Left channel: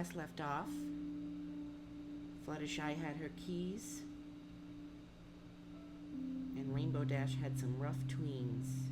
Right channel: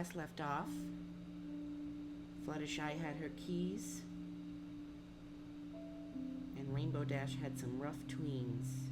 last left off. Fluttershy had her keys, and Rainbow Dash had some rough tweens.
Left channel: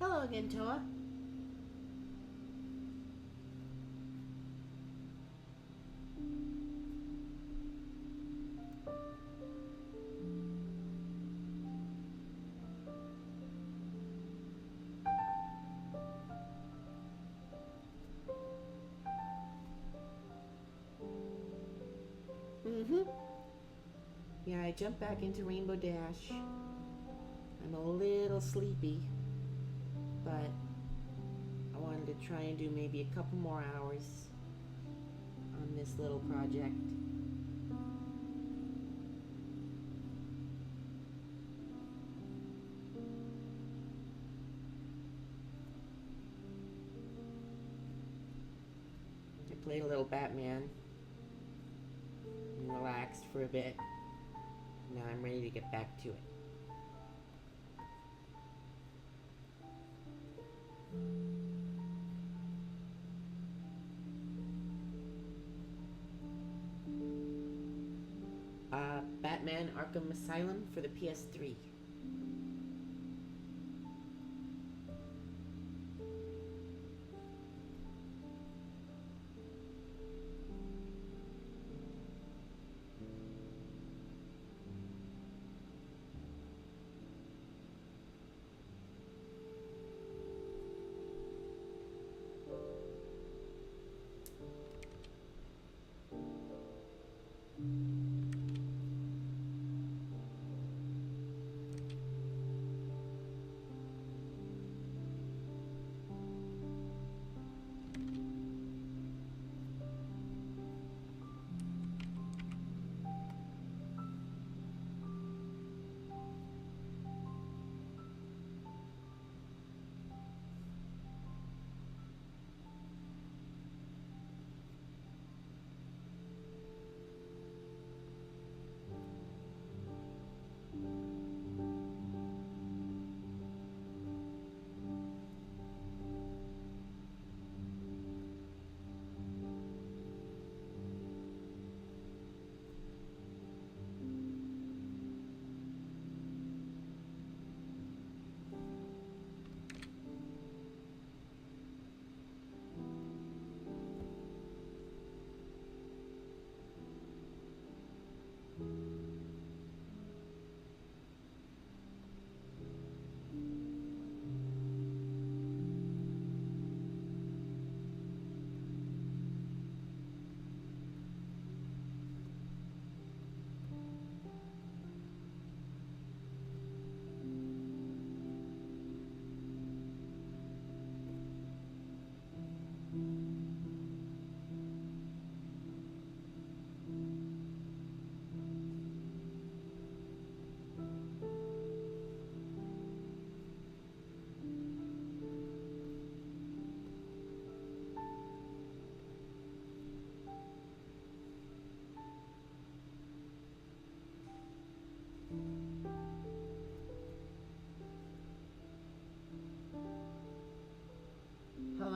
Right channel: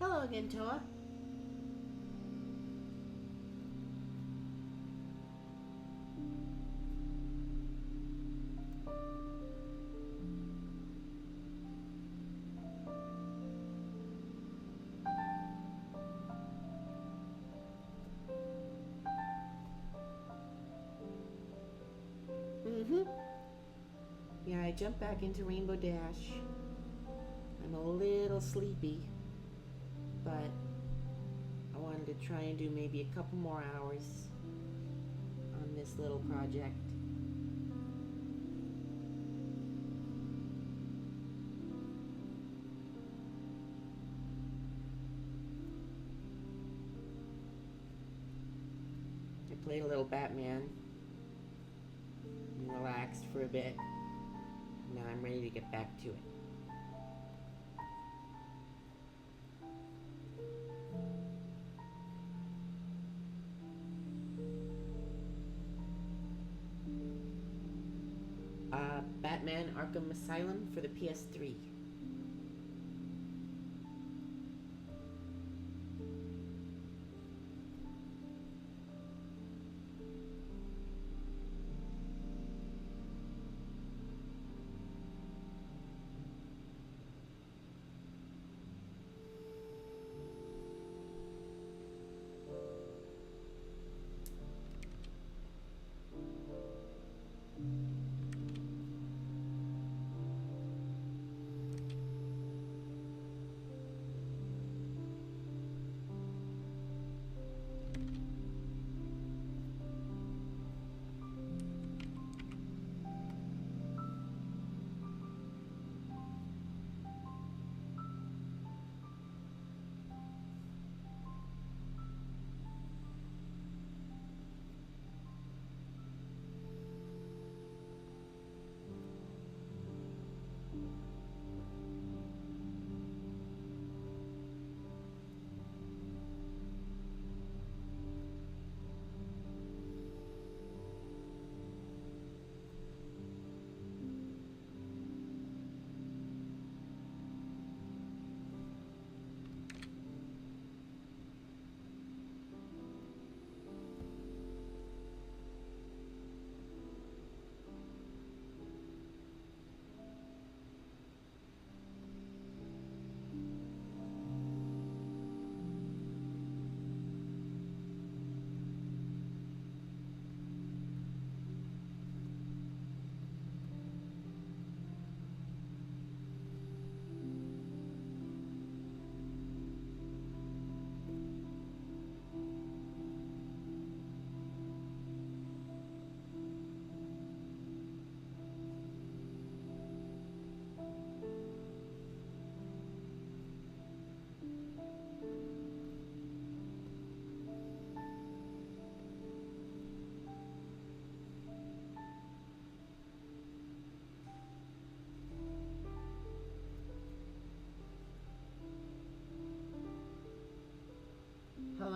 Hello again, Toa. Yeah, I jumped back into Rainbow Dash. I'm a little sleepy, but I wanted to try and do maybe a couple more hours on this little project. I played a little Batman and relaxed for a bit. Now I'm ready to get back to it. Batman Arkham Asylum for the PS3.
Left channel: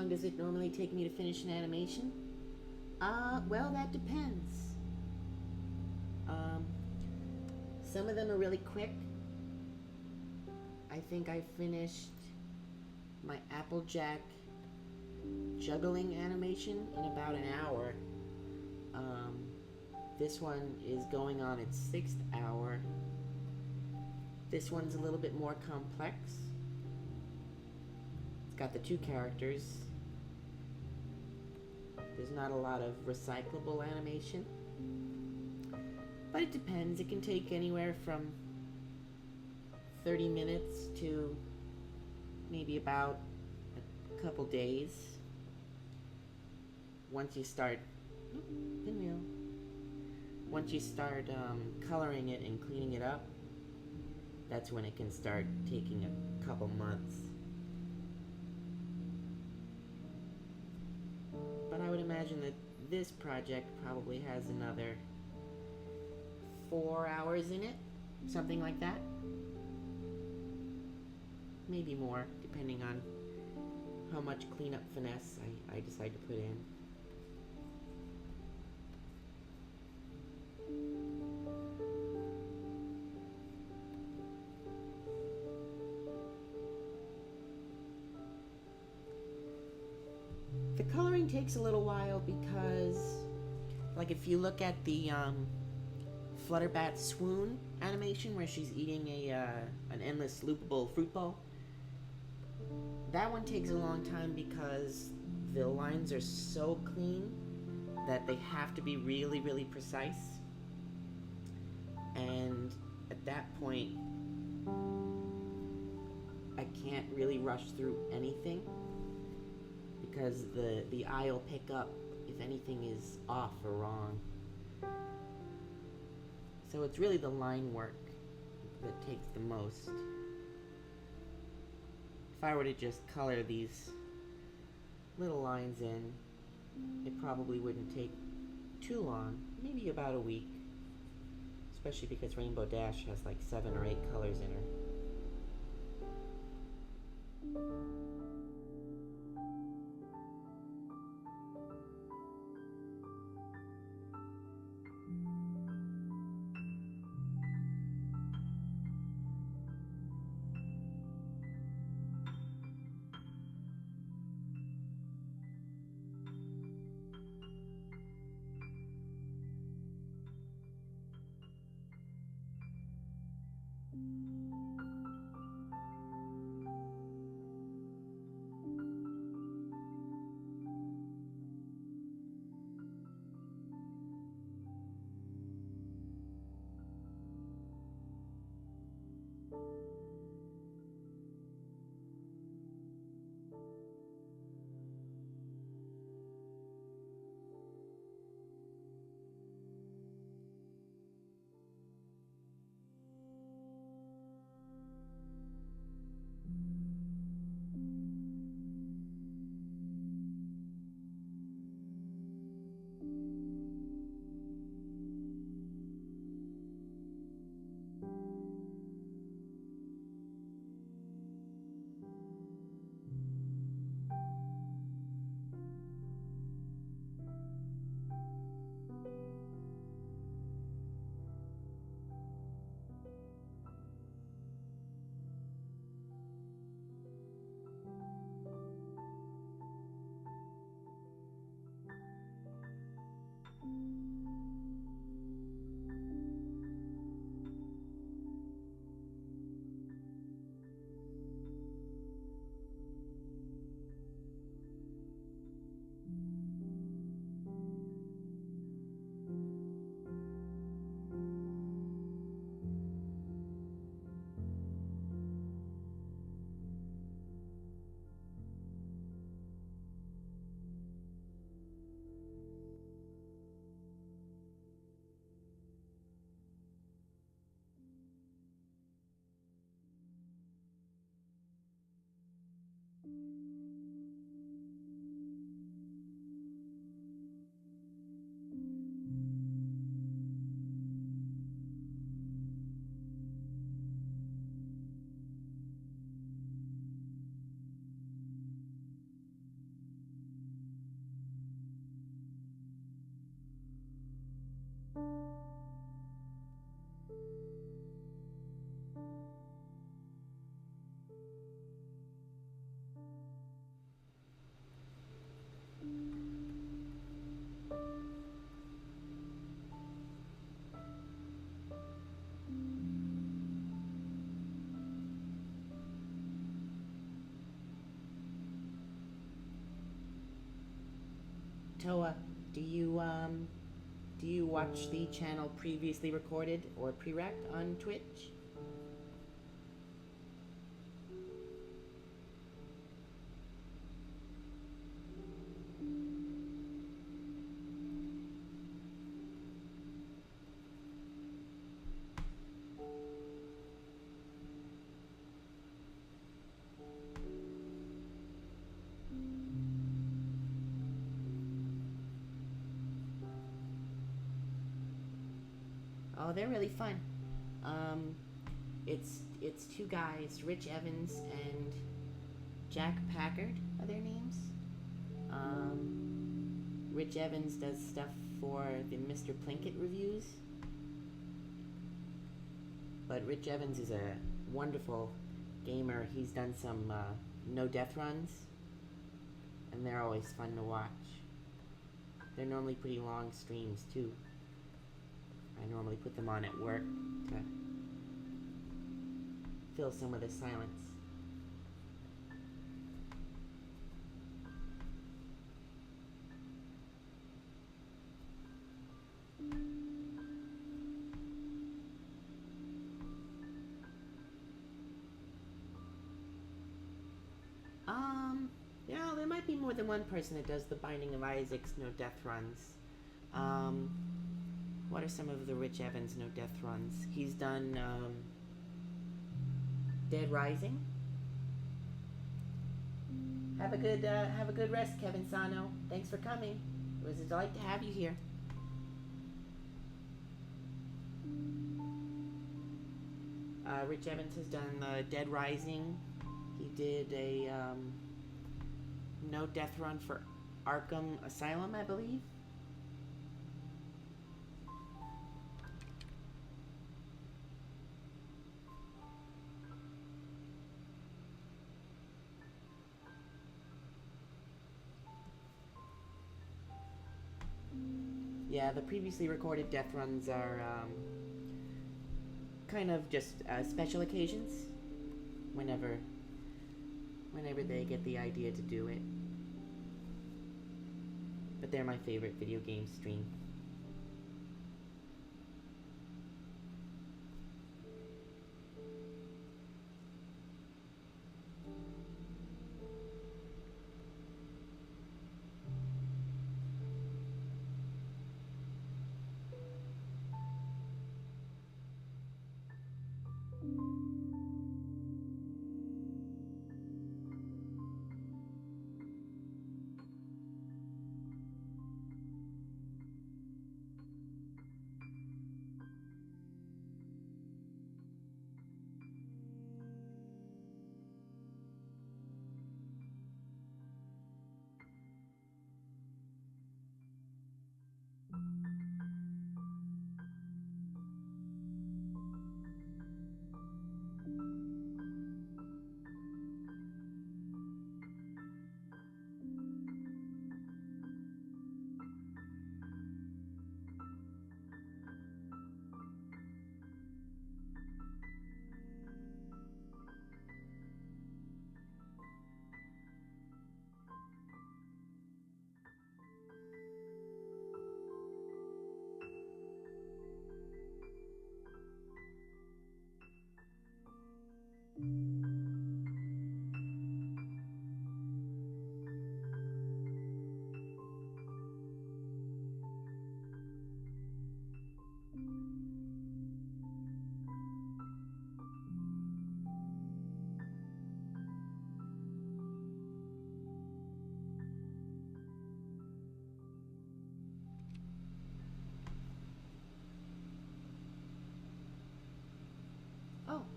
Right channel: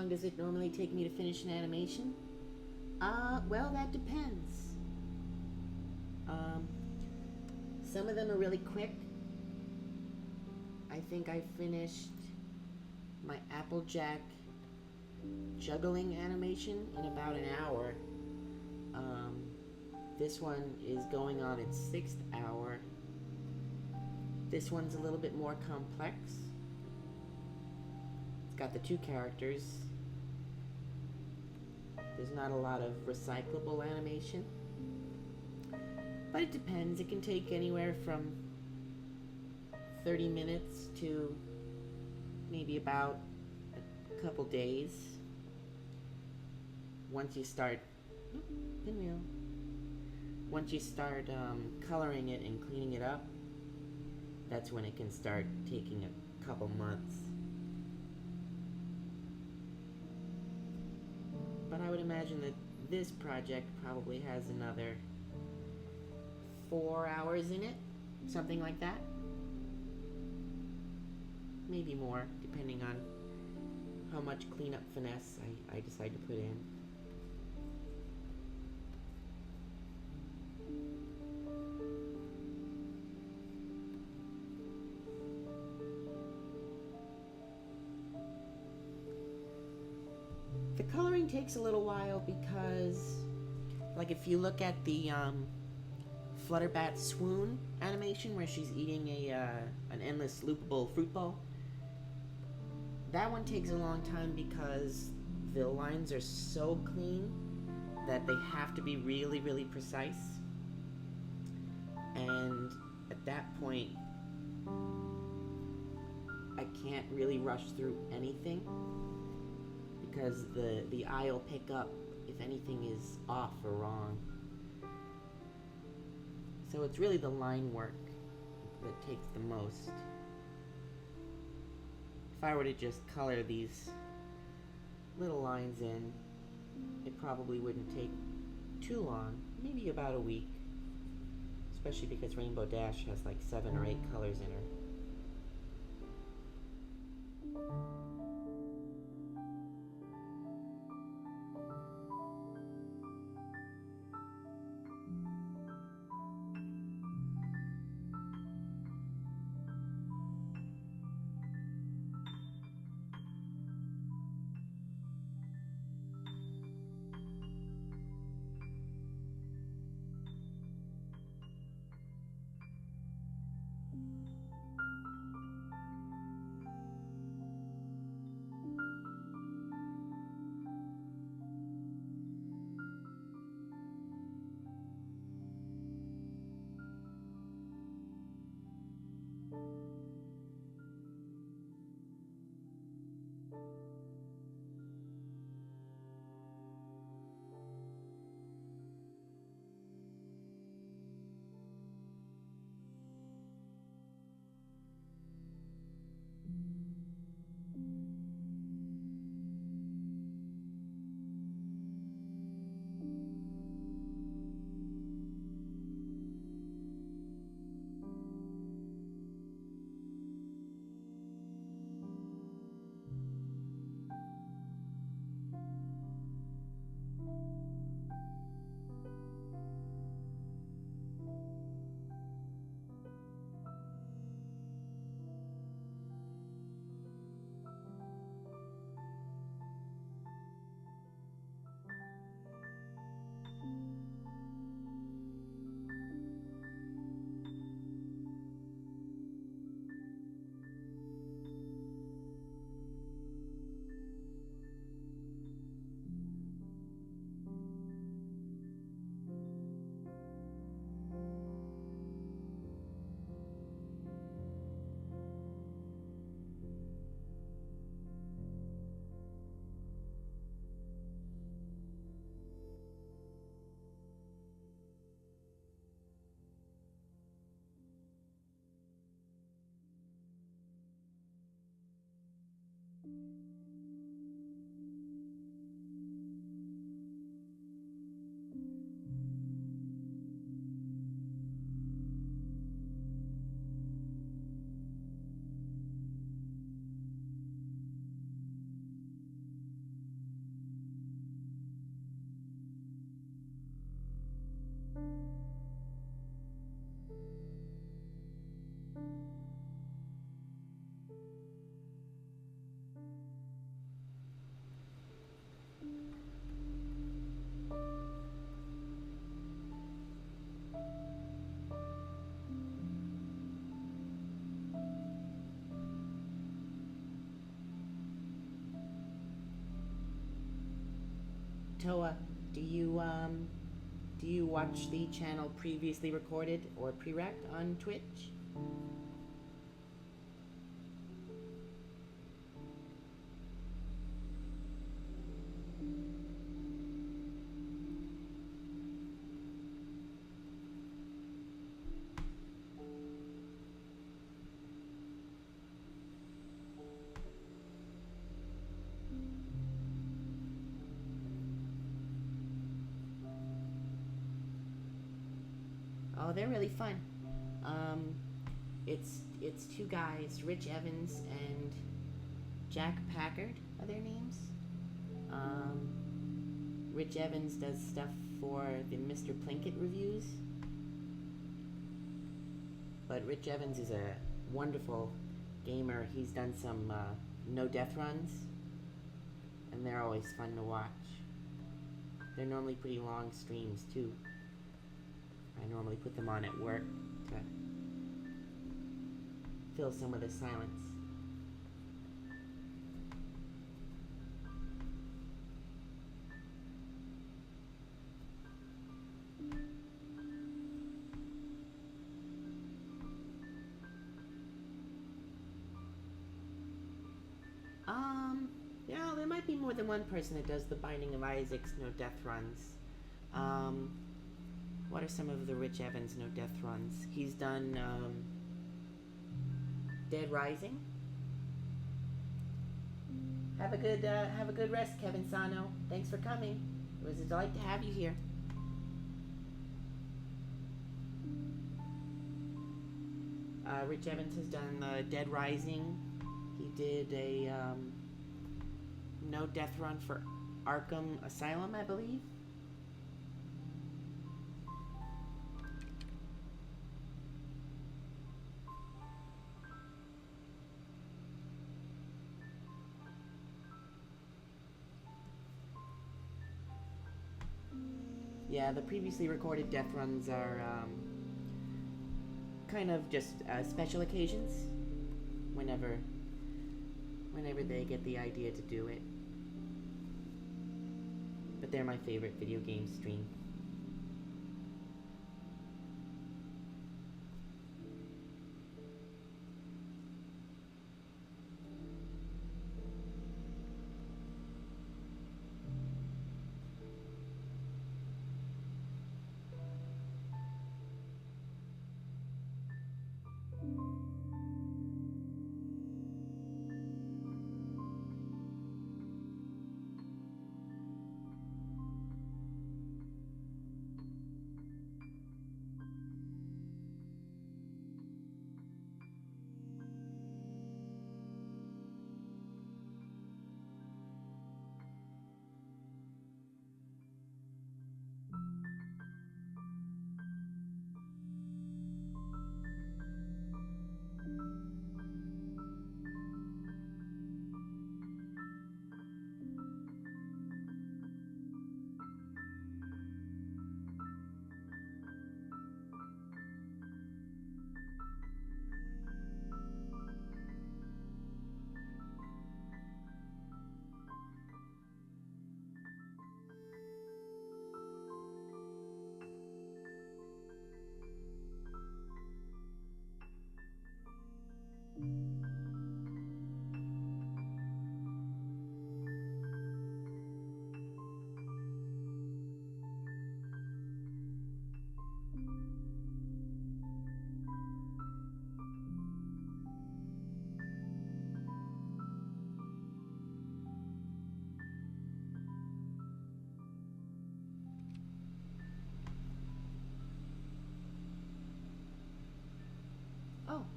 long does it normally take me to finish an animation? Well, that depends. Some of them are really quick. I think I finished my Applejack juggling animation in about an hour. This one is going on its 6th hour. This one's a little bit more complex. It's got the 2 characters. There's not a lot of recyclable animation. But it depends. It can take anywhere from 30 minutes to maybe about a couple days. Once you start, pinwheel. Once you start coloring it and cleaning it up, that's when it can start taking a couple months. But I would imagine that this project probably has another 4 hours in it, something like that. Maybe more, depending on how much cleanup finesse I decide to put in. The coloring takes a little while because, like, if you look at the Flutterbat swoon animation where she's eating an endless loopable fruit bowl, that one takes a long time because the lines are so clean that they have to be really, really precise. And at that point, I can't really rush through anything because the eye will pick up if anything is off or wrong. So it's really the line work that takes the most. If I were to just color these little lines in, it probably wouldn't take too long, maybe about a week. Especially because Rainbow Dash has like 7 or 8 colors in her. Toa, do you watch the channel previously recorded or pre-rec on Twitch? Oh, they're really fun. It's two guys, Rich Evans and Jack Packard are their names. Rich Evans does stuff for the Mr. Plinkett reviews. But Rich Evans is a wonderful gamer. He's done some no death runs, and they're always fun to watch. They're normally pretty long streams too. I normally put them on at work to fill some of the silence. Yeah, there might be more than one person that does the Binding of Isaac's no death runs. What are some of the Rich Evans no death runs? He's done Dead Rising. Have a good rest, Kevin Sano. Thanks for coming. It was a delight to have you here. Rich Evans has done Dead Rising. He did a no death run for Arkham Asylum, I believe. Yeah, the previously recorded death runs are kind of just special occasions. Whenever they get the idea to do it. But they're my favorite video game stream.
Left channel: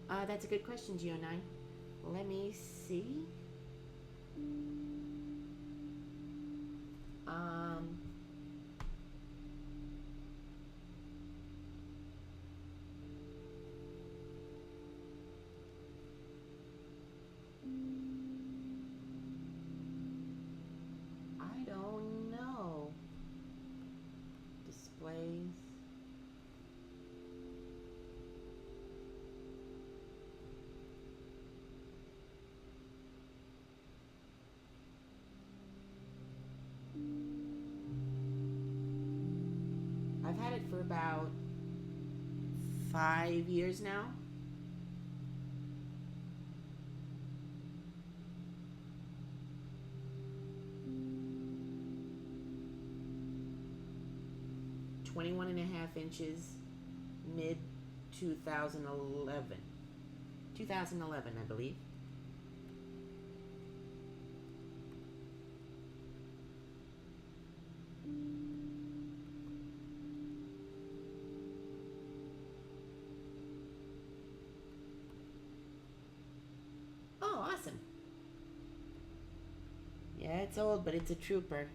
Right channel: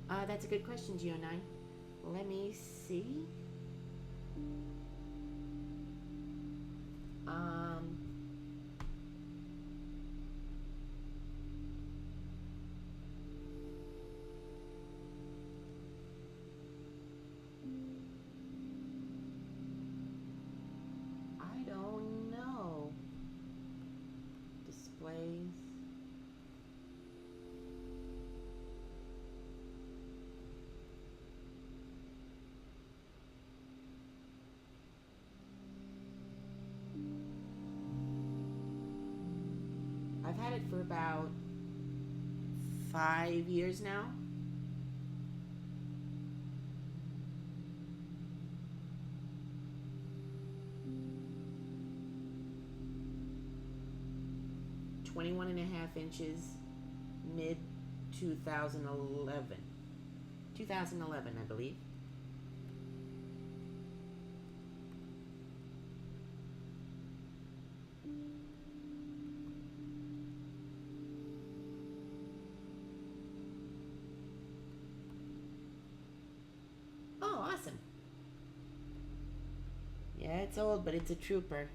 Oh, that's a good question, Geo9. Let me see. don't know. Displays. I've had it for about 5 years now. .21.5 inches, mid 2011. 2011, I believe. Oh, awesome. Yeah, it's old, but it's a trooper.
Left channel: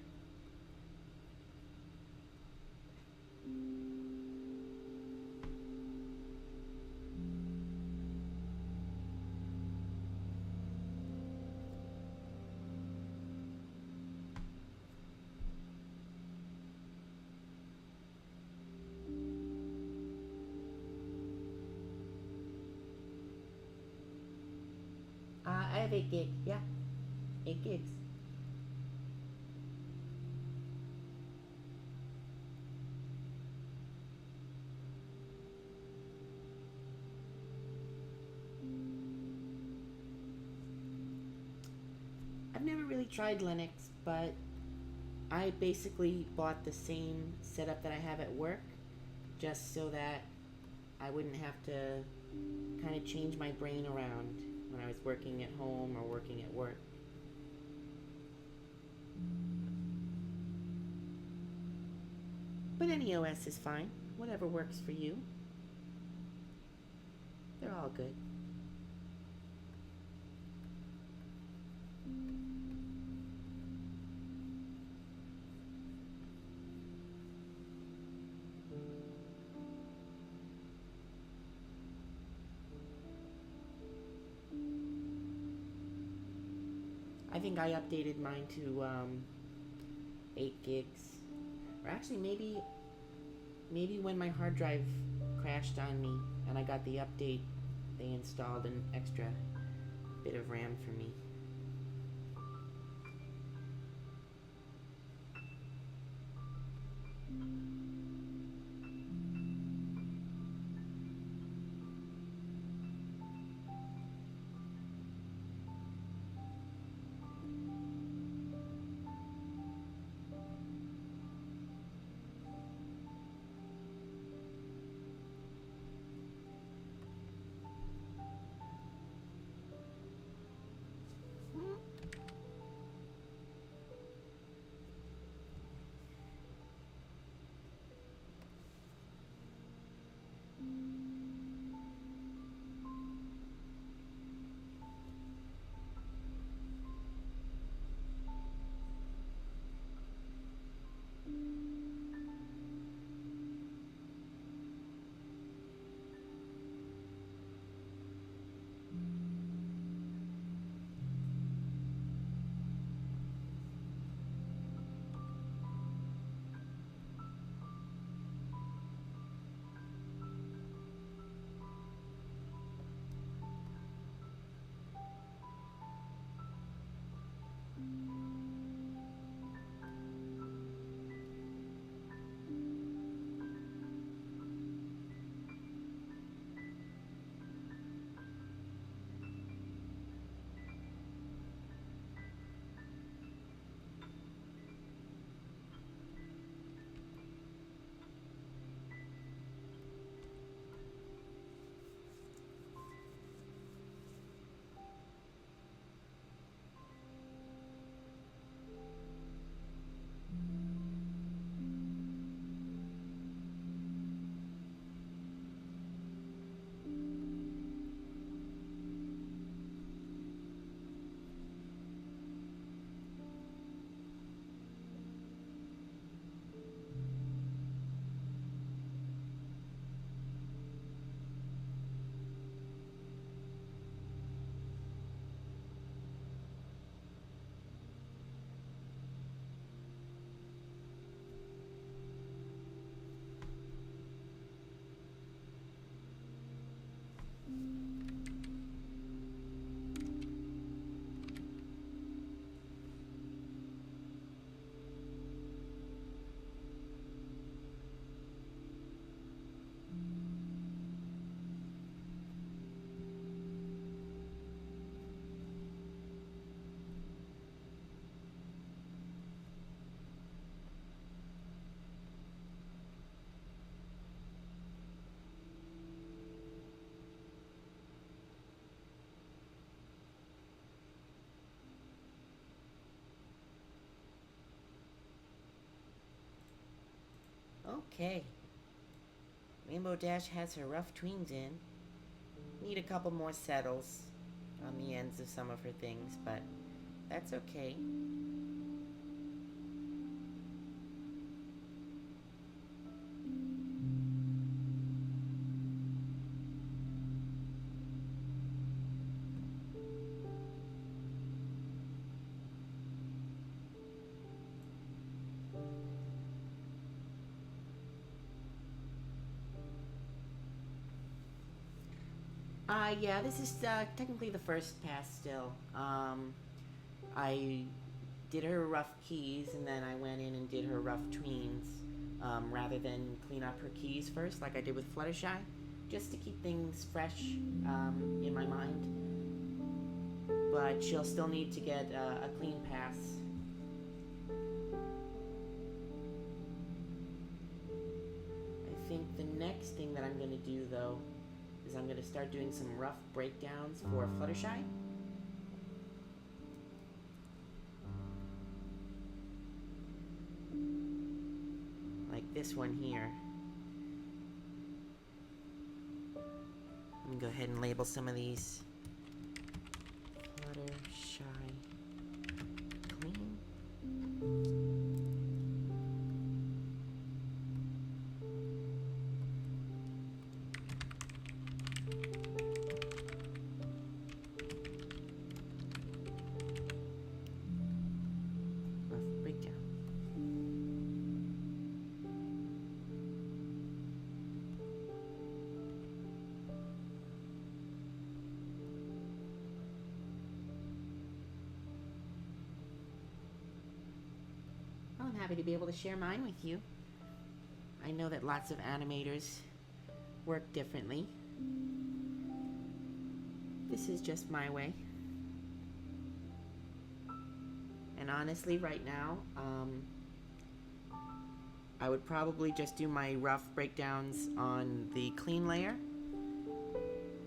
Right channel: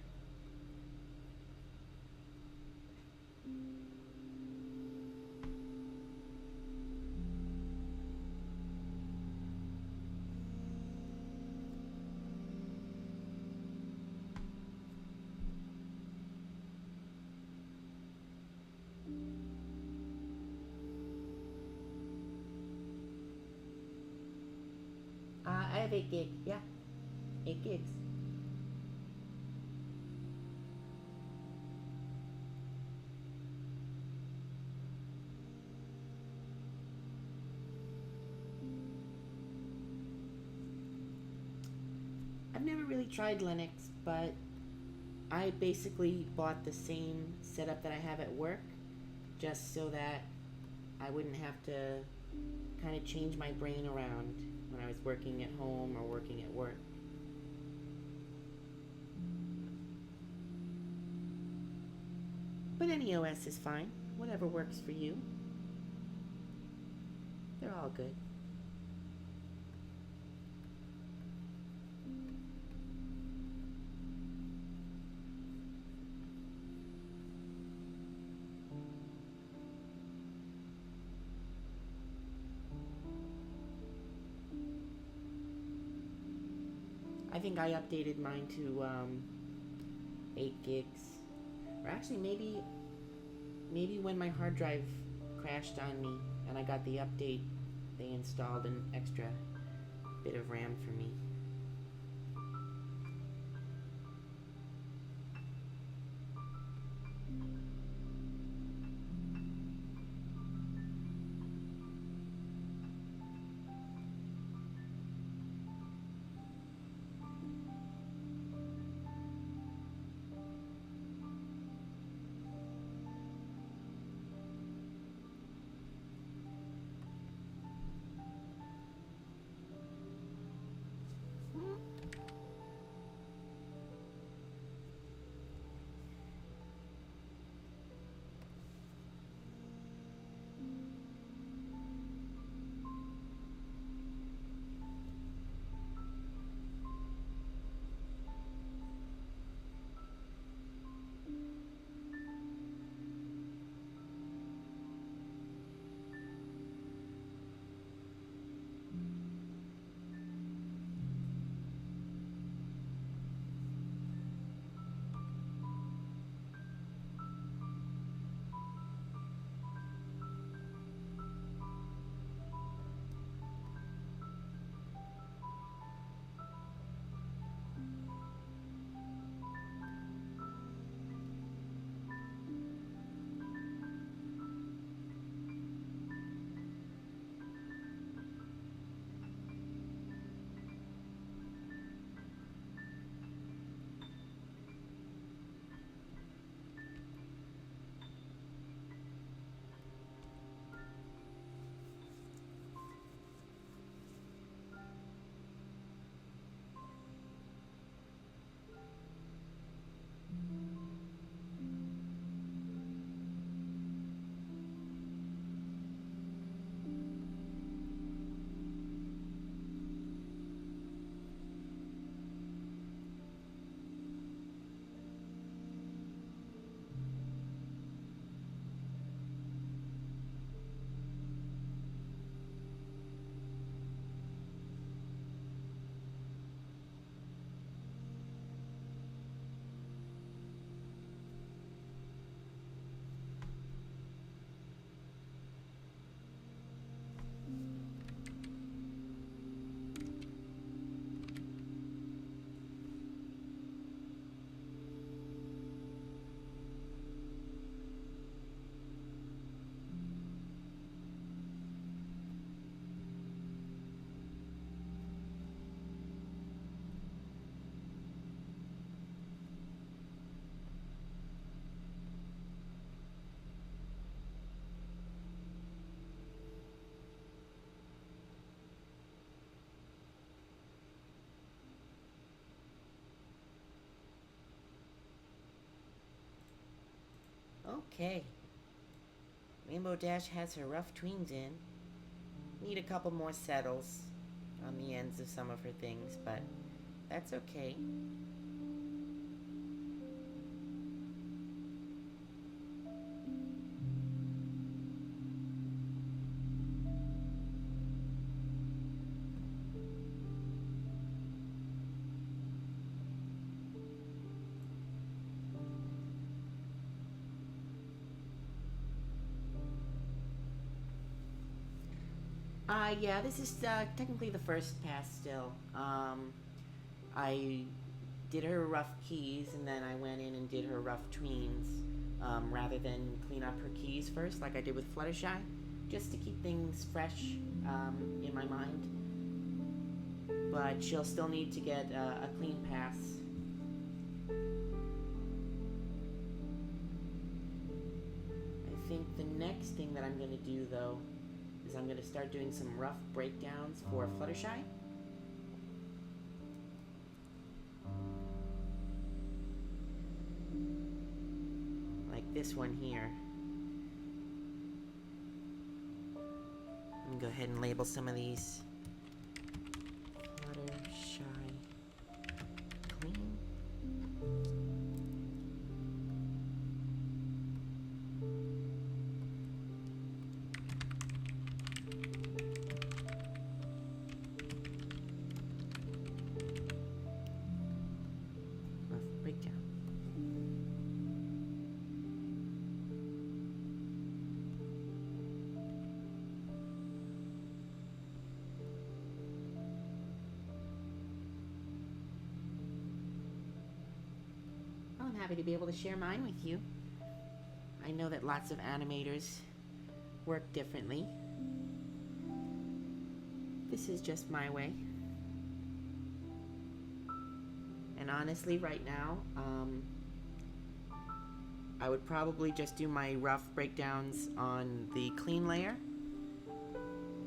I have 8 gig. Yeah, 8 gigs. I've never really tried Linux, but I basically bought the same setup that I have at work just so that I wouldn't have to kind of change my brain around when I was working at home or working at work. But any OS is fine, whatever works for you. They're all good. I think I updated mine to 8 gigs. Or actually, maybe when my hard drive crashed on me and I got the update, they installed an extra bit of RAM for me. Okay. Rainbow Dash has her rough tweens in. Need a couple more settles on the ends of some of her things, but that's okay. Yeah, this is technically the first pass still. I did her rough keys and then I went in and did her rough tweens rather than clean up her keys first like I did with Fluttershy, just to keep things fresh in my mind. But she'll still need to get a clean pass. I think the next thing that I'm going to do though is I'm going to start doing some rough breakdowns for Fluttershy. Like this one here. I'm going to go ahead and label some of these. Fluttershy clean. Rough breakdown. I'm happy to be able to share mine with you. I know that lots of animators work differently. This is just my way. And honestly, right now, I would probably just do my rough breakdowns on the clean layer.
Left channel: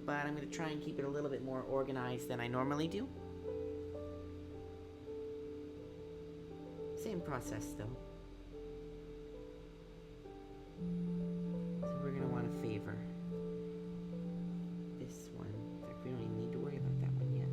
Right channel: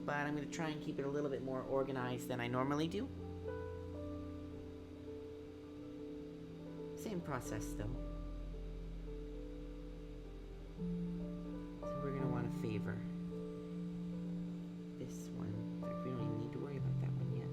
But I'm going to try and keep it a little bit more organized than I normally do. Same process though. So we're going to want to favor this one. In fact, we don't even need to worry about that one yet.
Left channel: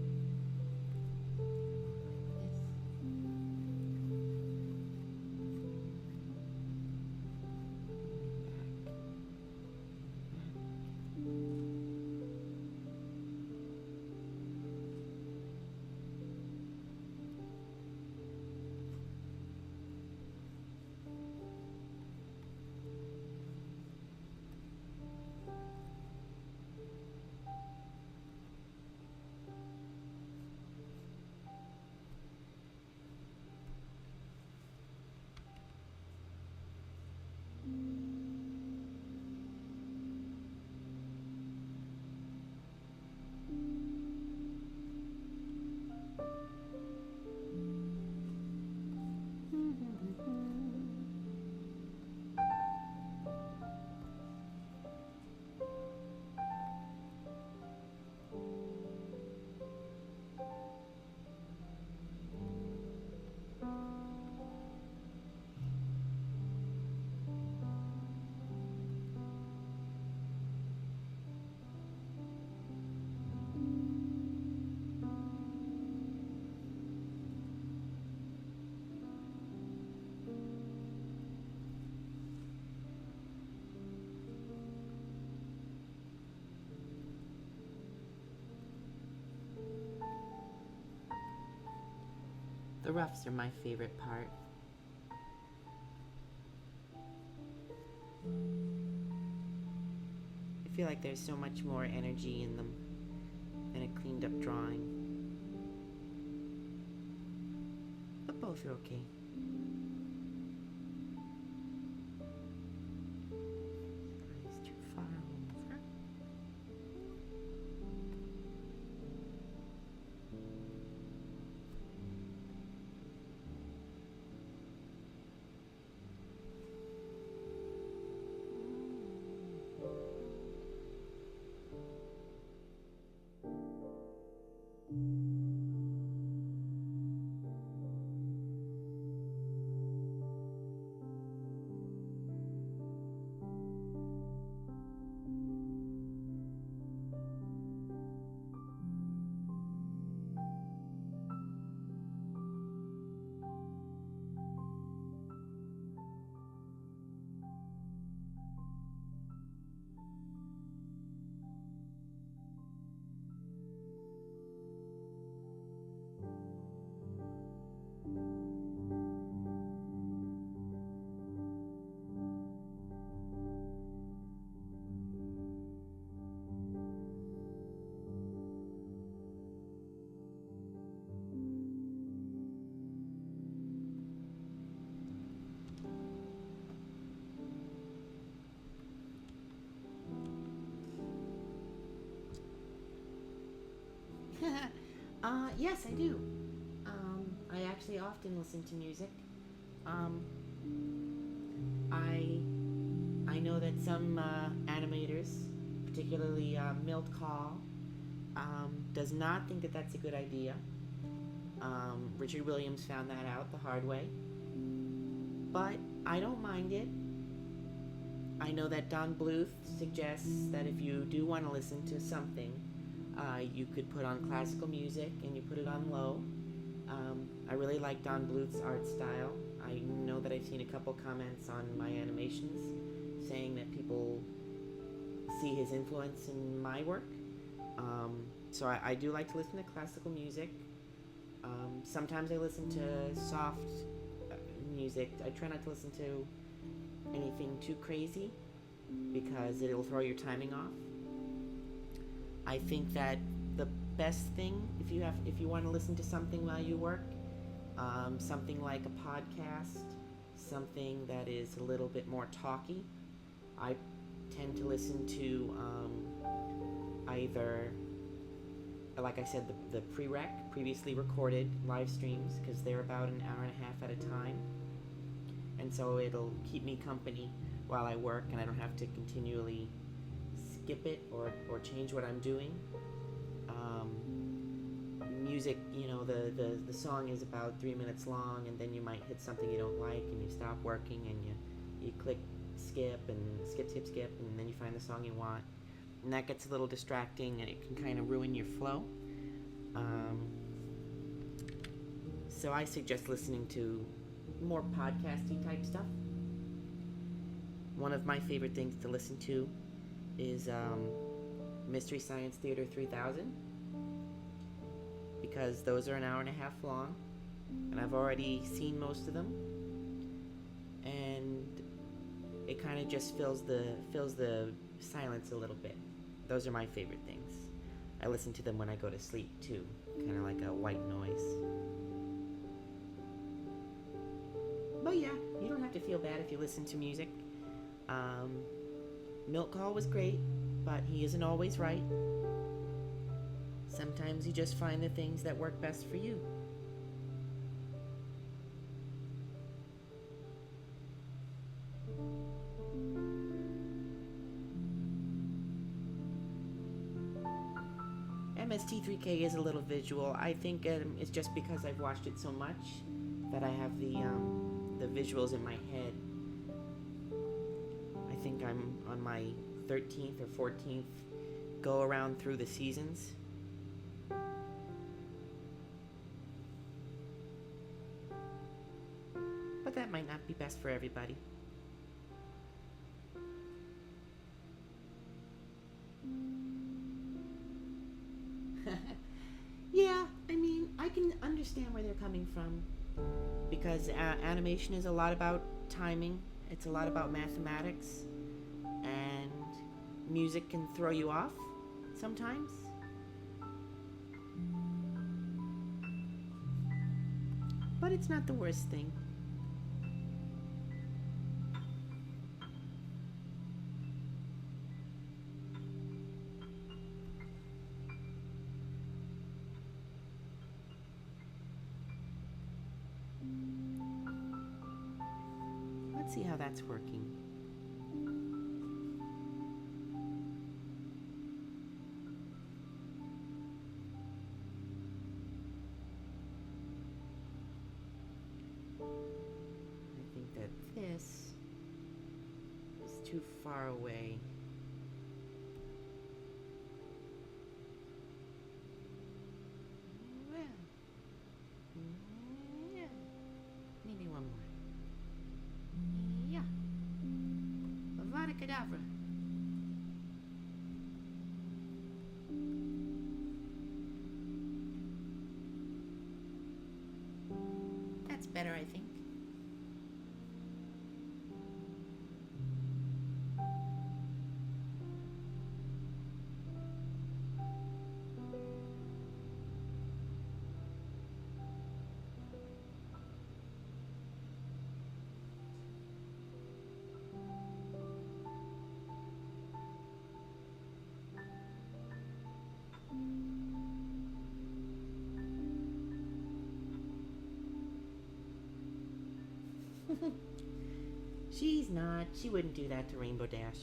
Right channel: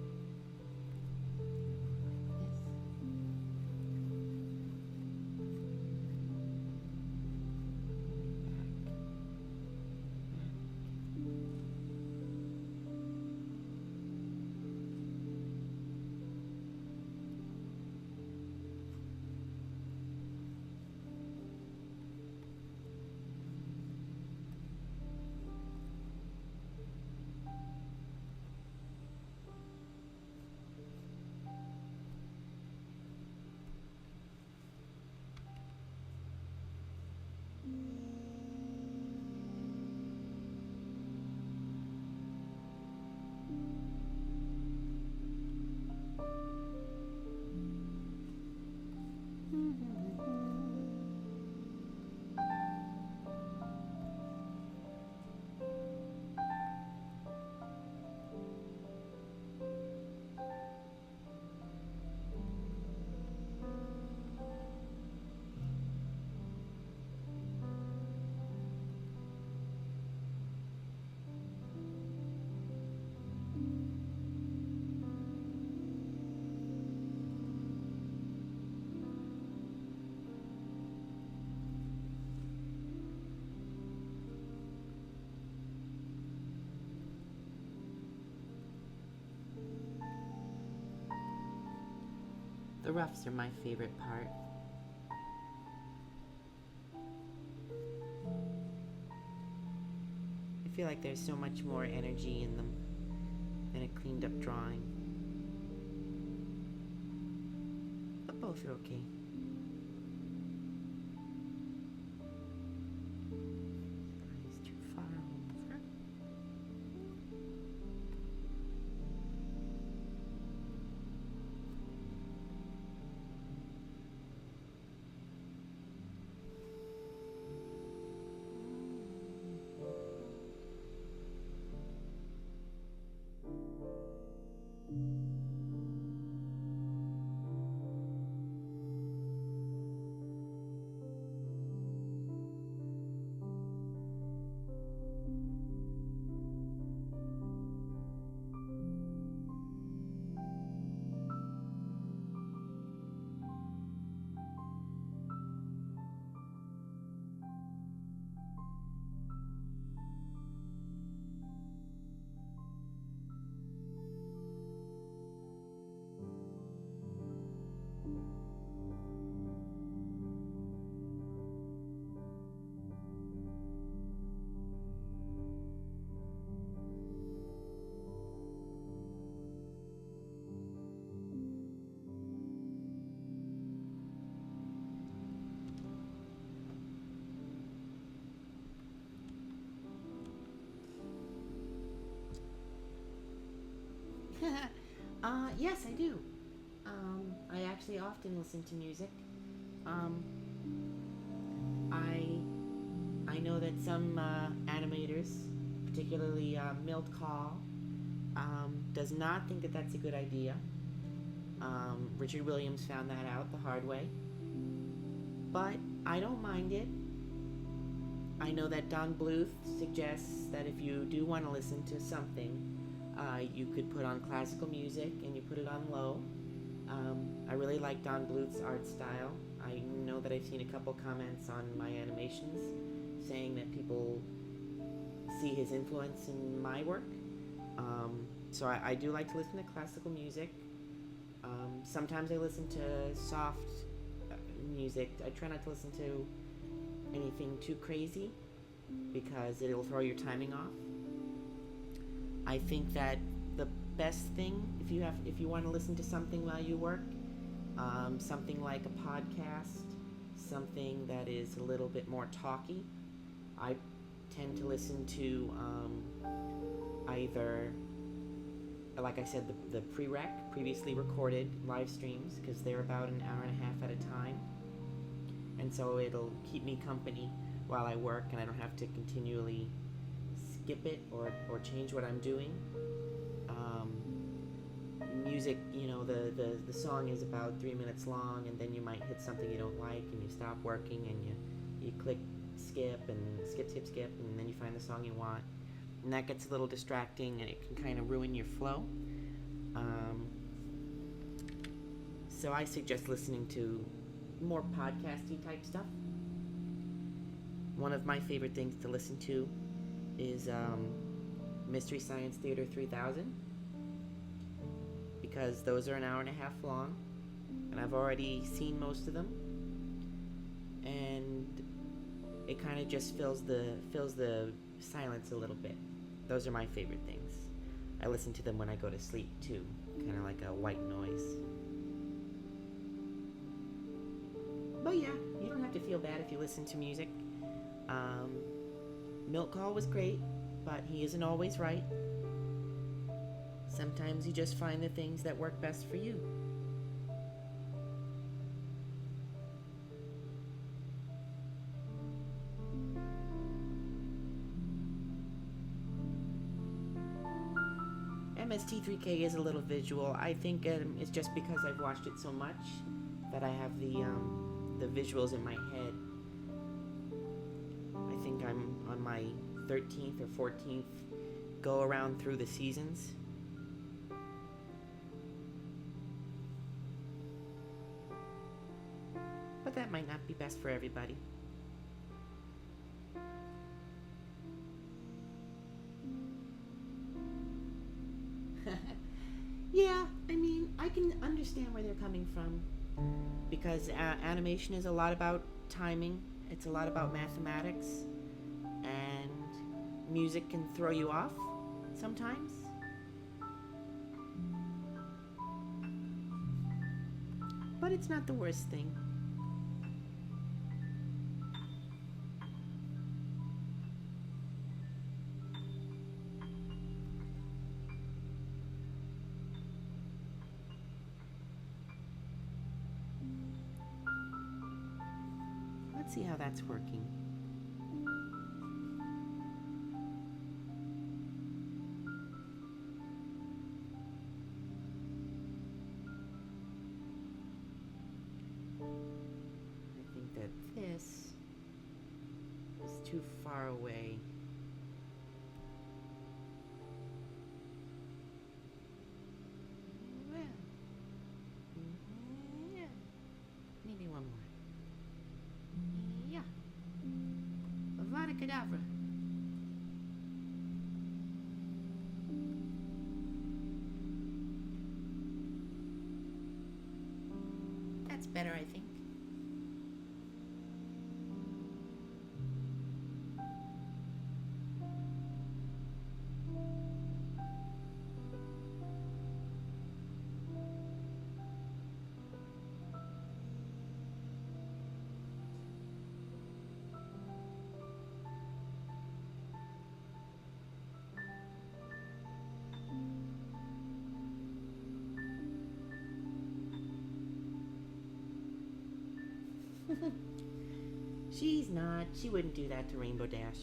The roughs are my favorite part. I feel like there's so much more energy in them than a cleaned up drawing. But both are okay. Eyes too far over. Yes, I do. I actually often listen to music. Um, I I know that some animators, particularly Milt Kahl, does not think that that's a good idea. Richard Williams found that out the hard way, but I don't mind it. I know that Don Bluth suggests that if you do want to listen to something, you could put on classical music and you put it on low. I really like Don Bluth's art style. I know that I've seen a couple comments on my animations saying that people see his influence in my work. So I do like to listen to classical music. Sometimes I listen to soft music. I try not to listen to anything too crazy because it'll throw your timing off. I think that the best thing if you want to listen to something while you work, something like a podcast, something that is a little bit more talky. I tend to listen to either, like I said, the previously recorded live streams, because they're about an hour and a half at a time, and so it'll keep me company while I work, and I don't have to continually skip it or change what I'm doing. Music, the song is about 3 minutes long, and then you might hit something you don't like, and you stop working, and you click skip, and skip, and then you find the song you want, and that gets a little distracting, and it can kind of ruin your flow. So I suggest listening to more podcasty type stuff. One of my favorite things to listen to is Mystery Science Theater 3000, because those are an hour and a half long, and I've already seen most of them, and it kind of just fills the silence a little bit. Those are my favorite things. I listen to them when I go to sleep too, kind of like a white noise. But yeah, you don't have to feel bad if you listen to music. Milk Call was great, but he isn't always right. Sometimes you just find the things that work best for you. MST3K is a little visual. I think it's just because I've watched it so much that I have the visuals in my head. I think I'm on my 13th or 14th go around through the seasons. But that might not be best for everybody. Yeah, I mean, I can understand where they're coming from, because animation is a lot about timing, it's a lot about mathematics, and music can throw you off sometimes. But it's not the worst thing. Let's see how that's working. I think that this is too far away. Well, yeah, maybe one more. Yeah. Avada Kedavra. That's better, I think. She's not. She wouldn't do that to Rainbow Dash.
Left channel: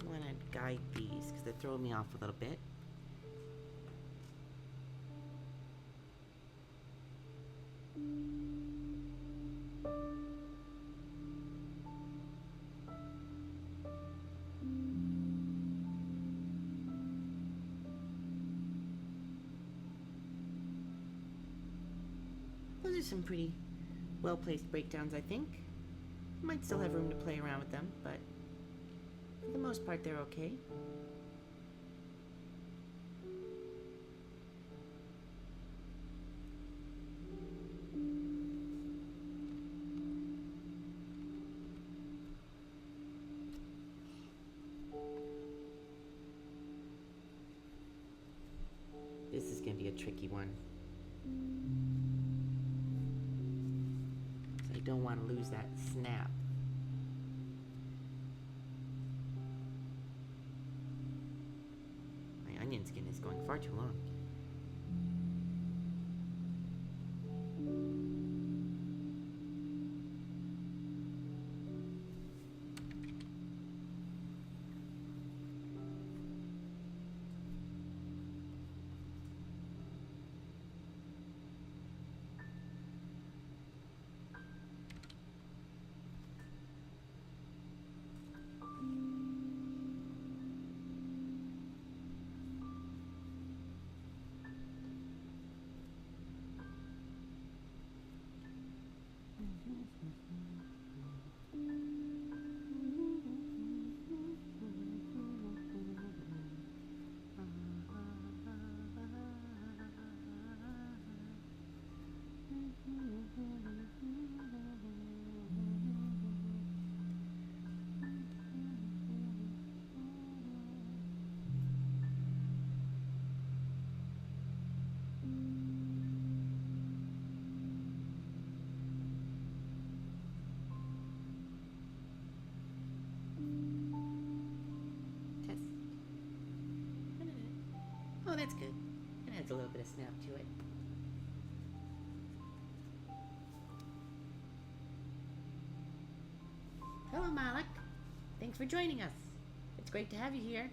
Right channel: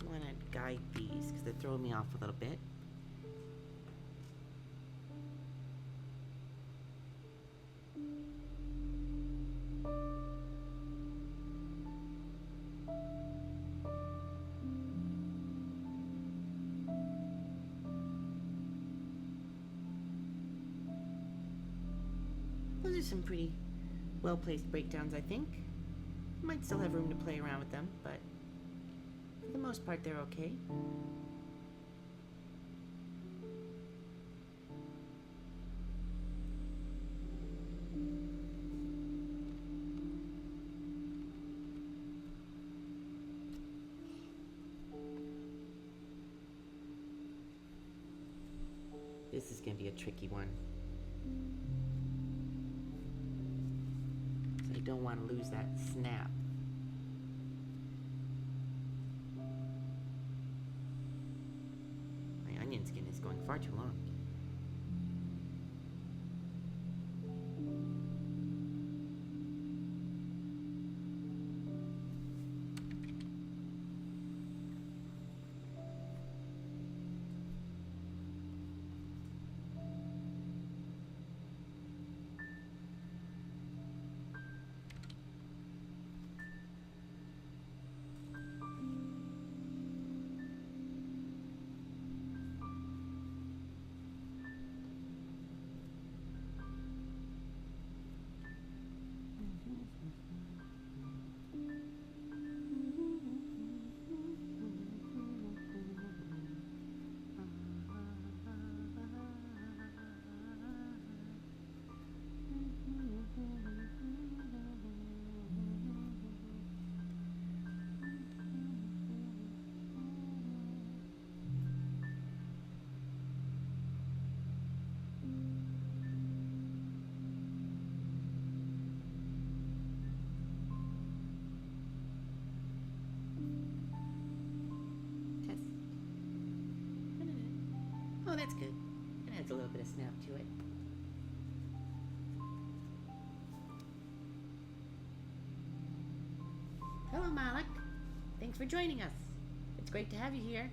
I want to guide these because they're throwing me off a little bit. Those are some pretty well-placed breakdowns, I think. Might still have room to play around with them, but for the most part, they're okay. This is going to be a tricky one. I don't want to lose that snap. My onion skin is going far too long. Oh, that's good. It adds a little bit of snap to it. Hello, Malik. Thanks for joining us. It's great to have you here.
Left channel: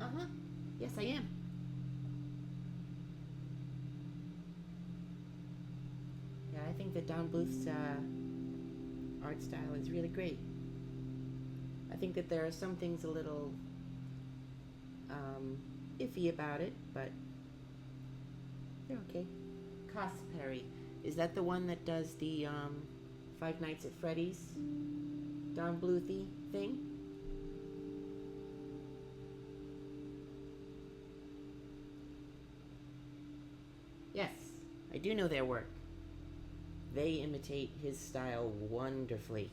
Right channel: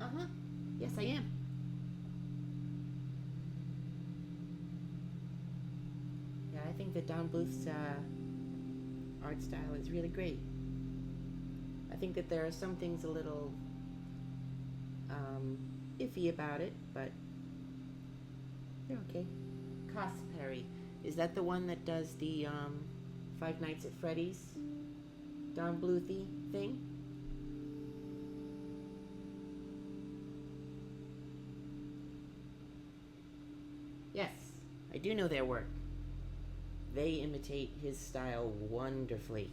Uh-huh. Yes, I am. Yeah, I think that Don Bluth's art style is really great. I think that there are some things a little iffy about it, but they're okay. Cosperry. Is that the one that does the Five Nights at Freddy's Don Bluthy thing? Yes, I do know their work. They imitate his style wonderfully.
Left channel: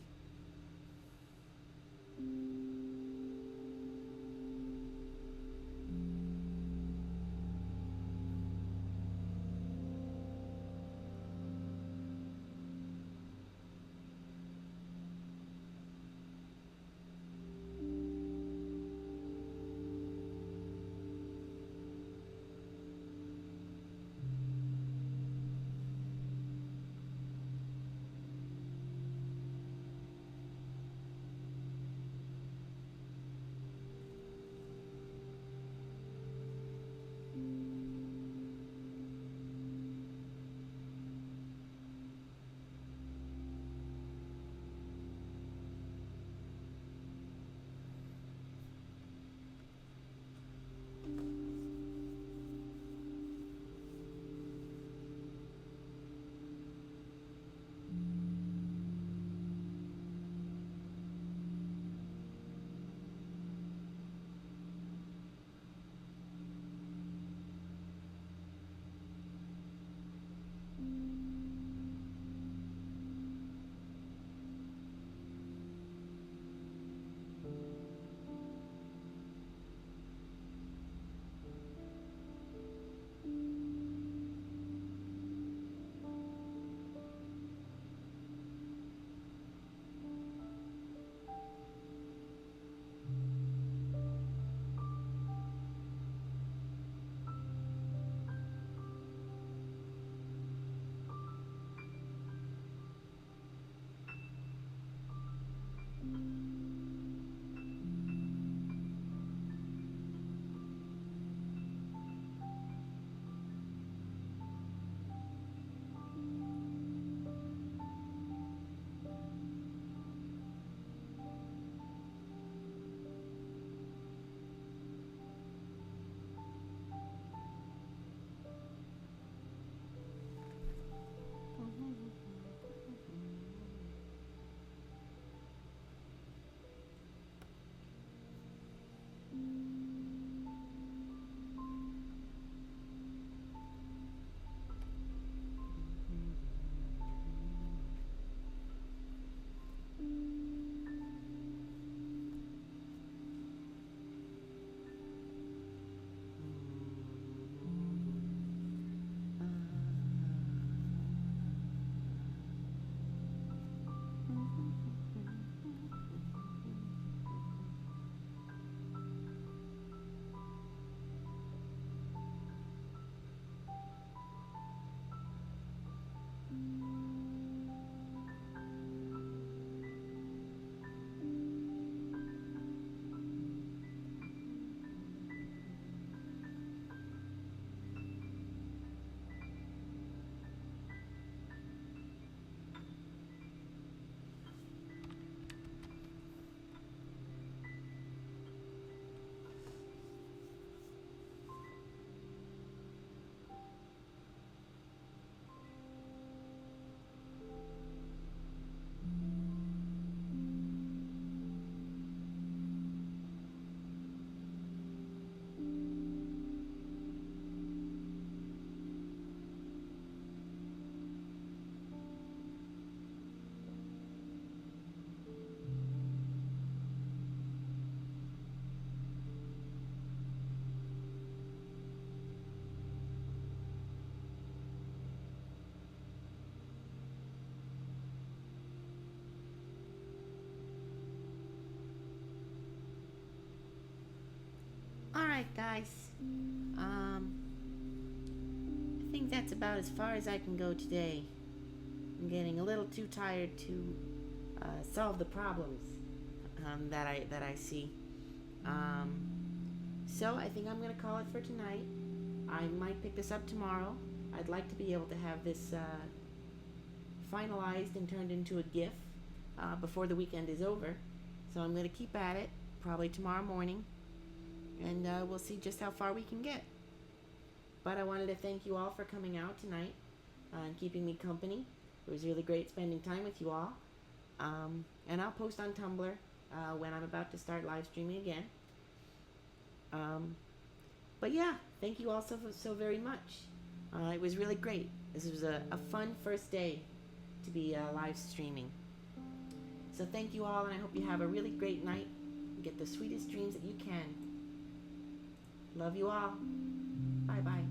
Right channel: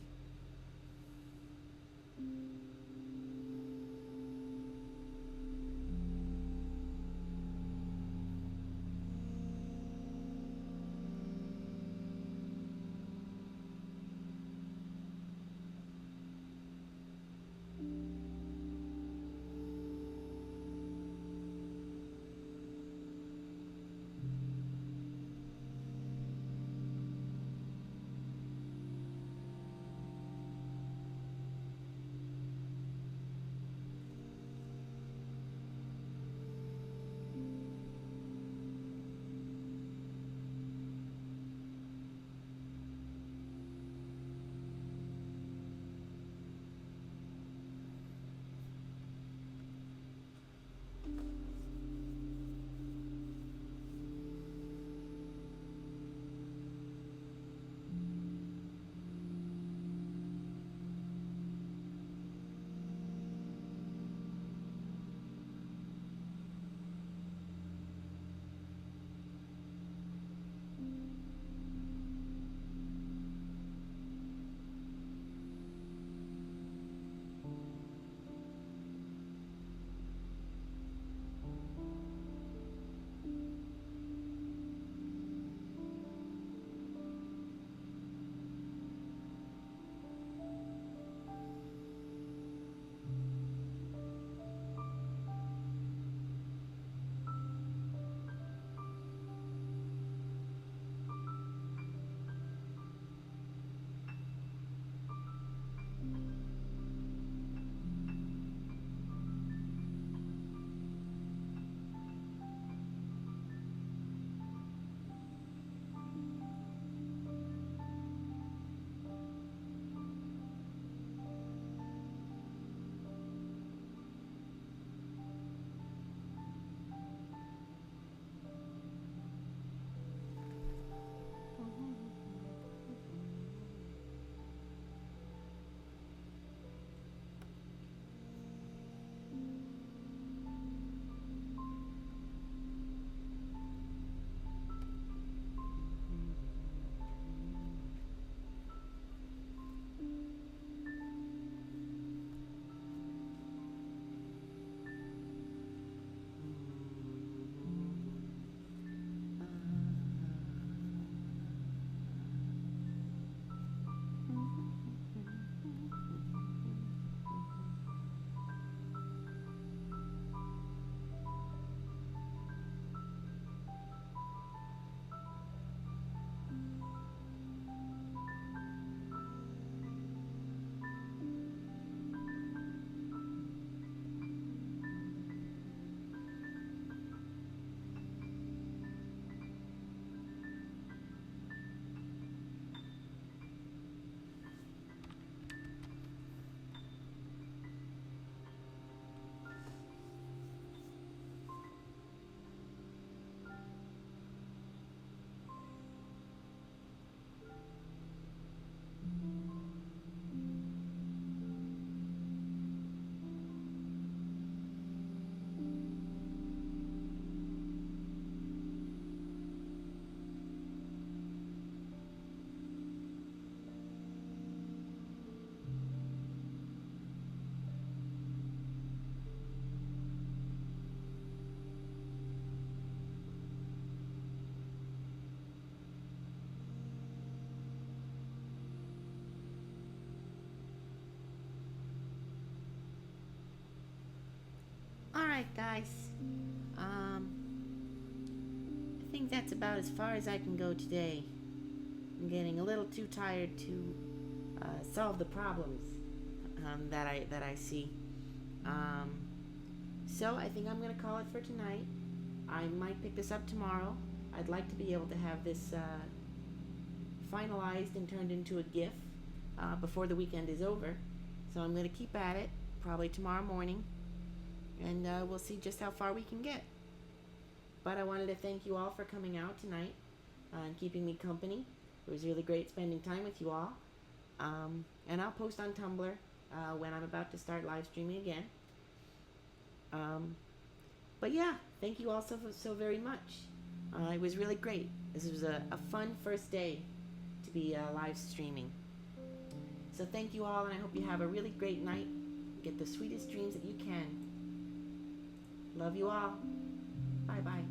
Alright, guys. I think that's about as far as I can go today. I'm getting a little too tired to solve the problems that I see. So I think I'm gonna call it for tonight. I might pick this up tomorrow. I'd like to be able to have this finalized and turned into a GIF before the weekend is over. So I'm gonna keep at it, probably tomorrow morning, and we'll see just how far we can get. But I wanted to thank you all for coming out tonight and keeping me company. It was really great spending time with you all. And I'll post on Tumblr when I'm about to start live streaming again. But yeah, thank you all so very much. It was really great. This was a fun first day to be live streaming. So thank you all, and I hope you have a really great night. Get the sweetest dreams that you can. Love you all. Bye-bye.